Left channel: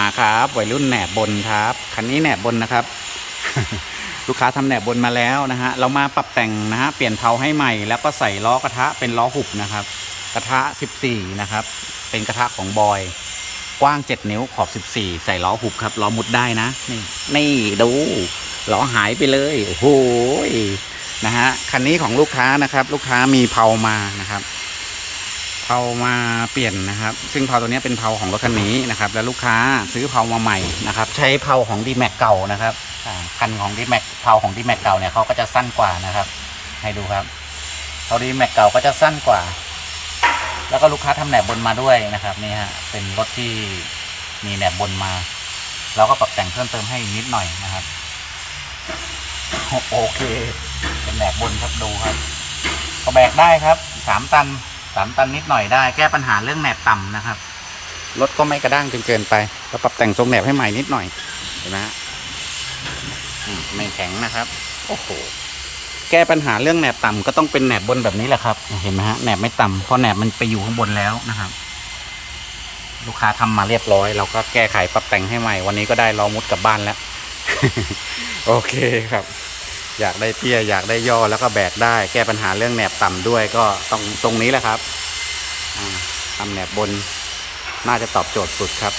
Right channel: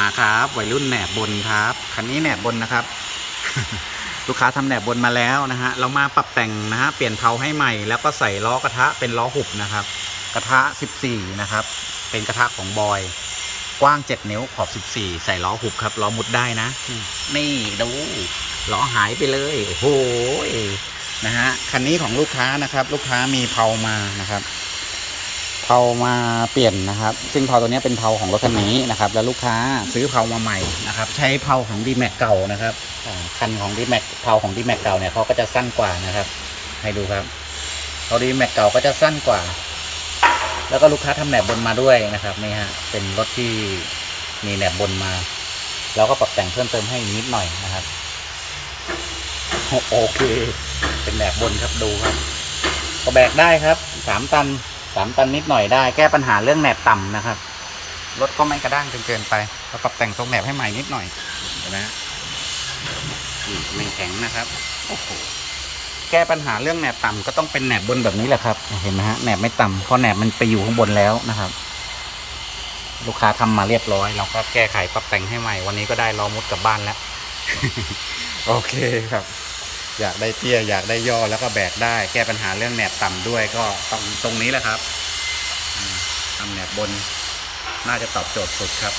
มาครับวัยรุ่นแหนบบนครับคันนี้แหนบบนนะครับ ลูกค้าทำแหนบบนมาแล้วนะฮะเรามาปรับแต่งนะฮะเปลี่ยนเผาให้ใหม่ แล้วก็ใส่ล้อกระทะเป็นล้อหุบนะครับ กระทะ 14 นะครับ เป็นกระทะของบอย กว้าง 7 นิ้วขอบ 14 ใส่ล้อหุบครับล้อมุดได้นะนี่นี่ดูล้อหายไปเลยโอ้โหนะฮะคันนี้ของลูกค้านะครับ ลูกค้ามีเผามานะครับ เผามาเปลี่ยนนะครับ ซึ่งเผาตัวนี้เป็นเผาของรถคันนี้นะครับ แล้วลูกค้าซื้อเผามาใหม่นะครับ ใช้เผาของดีแม็กเก่านะครับคันของดีแม็กเผาของดีแม็กเก่าเนี่ยเขาก็จะสั้นกว่านะครับ ให้ดูครับเผาดีแม็กเก่าก็จะสั้นกว่า แล้วก็ลูกค้าทำแหนบบนมาด้วยนะครับนี่ฮะเป็นรถที่มีแหนบบนมาเราก็ปรับแต่งเพิ่มเติมให้นิดหน่อยนะครับโอโอเค เป็นแหนบบนครับดูครับก็แบกได้ครับสามตัน สามตันนิดหน่อยได้ แก้ปัญหาเรื่องแหนบต่ำนะครับรถก็ไม่กระด้างจนเกินไปก็ปรับแต่งทรงแหนบให้ใหม่นิดหน่อยเห็นไหมฮะไม่แข็งนะครับโอ้โหแก้ปัญหาเรื่องแหนบต่ำก็ต้องเป็นแหนบบนแบบนี้แหละครับ เห็นไหมฮะแหนบไม่ต่ำเพราะแหนบมันไปอยู่ข้างบนแล้วนะครับ ลูกค้าทำมาเรียบร้อย เราก็แก้ไขปรับแต่งให้ใหม่ วันนี้ก็ได้ล้อมุดกลับบ้านแล้ว โอเคครับ อยากได้เตี้ยอยากได้ย่อแล้วก็แบกได้ แก้ปัญหาเรื่องแหนบต่ำด้วยก็ต้องตรงนี้แหละครับทำแหนบบนน่าจะตอบโจทย์สุดครับ